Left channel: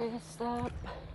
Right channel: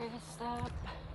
Rest up.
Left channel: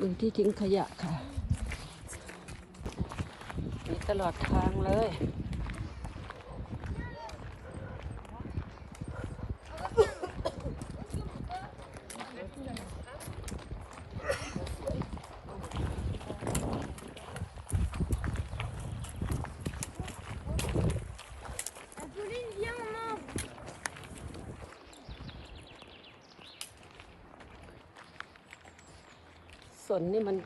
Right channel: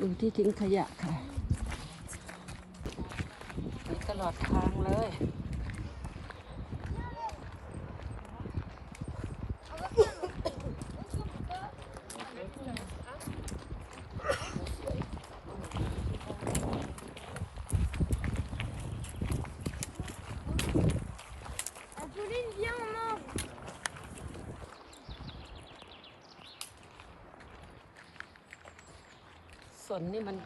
ดูที่ทิ้งขยะค่ะมีตลอดทางเลย สนนี่มัน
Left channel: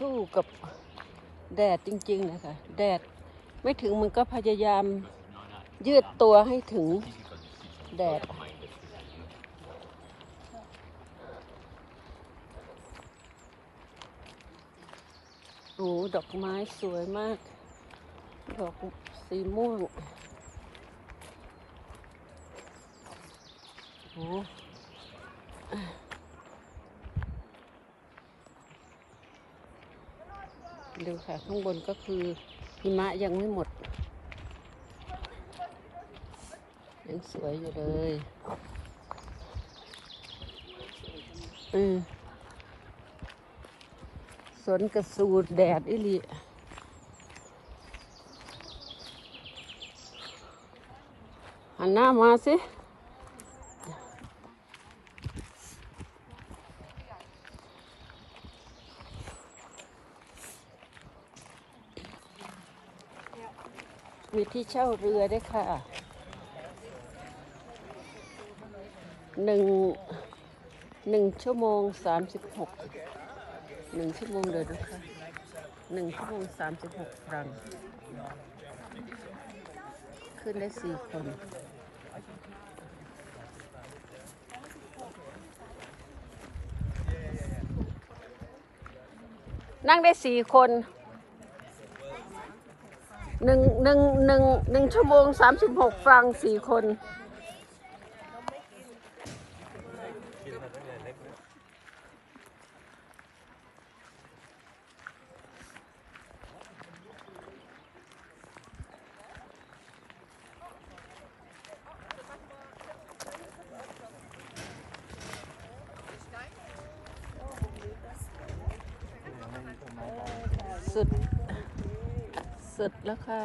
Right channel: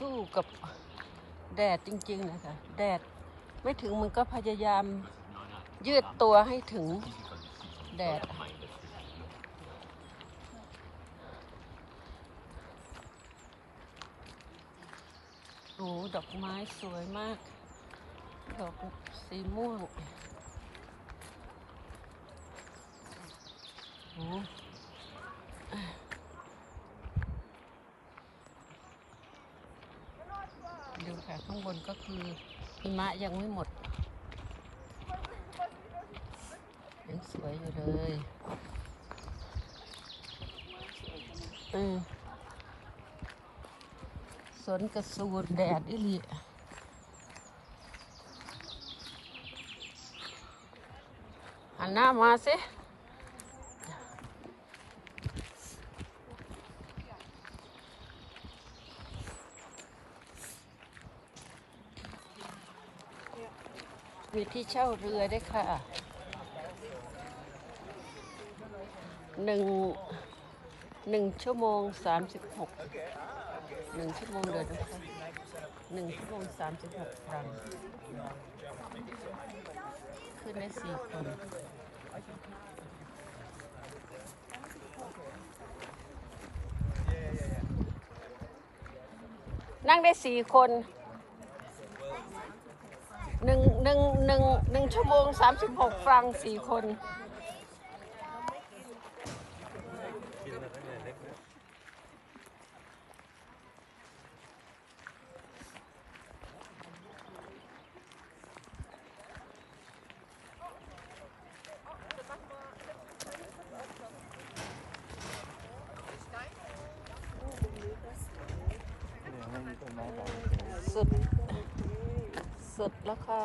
สู้กับแดดจริงๆนะคะแดดไม่ถึงมันก็พยายามยืดตัวให้ถึงแดด โอ้ดอกไม้สวยมาก ดอกสีม่วงโอ้ ดูค่ะข้างบนก็คือหิมะยังไม่หมดยังสวยอยู่เลย อืมสวนกระสูดแดดอิลิหันหน้ามาสิ มีที่เช่าเรือได้ค่ะหนึ่งหนึ่งชั่วโมงสามสิบหกหนึ่งชั่วโมงเลยนะคะหนึ่งชั่วโมงสามสิบหกครั้งขึ้นได้สี่คนนั่งได้สี่คน หนึ่งหนึ่งหนึ่งหนึ่งชั่วโมงสามสิบหกฟรังสี่คน สุดแล้วค่ะ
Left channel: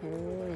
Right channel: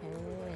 โอ้ย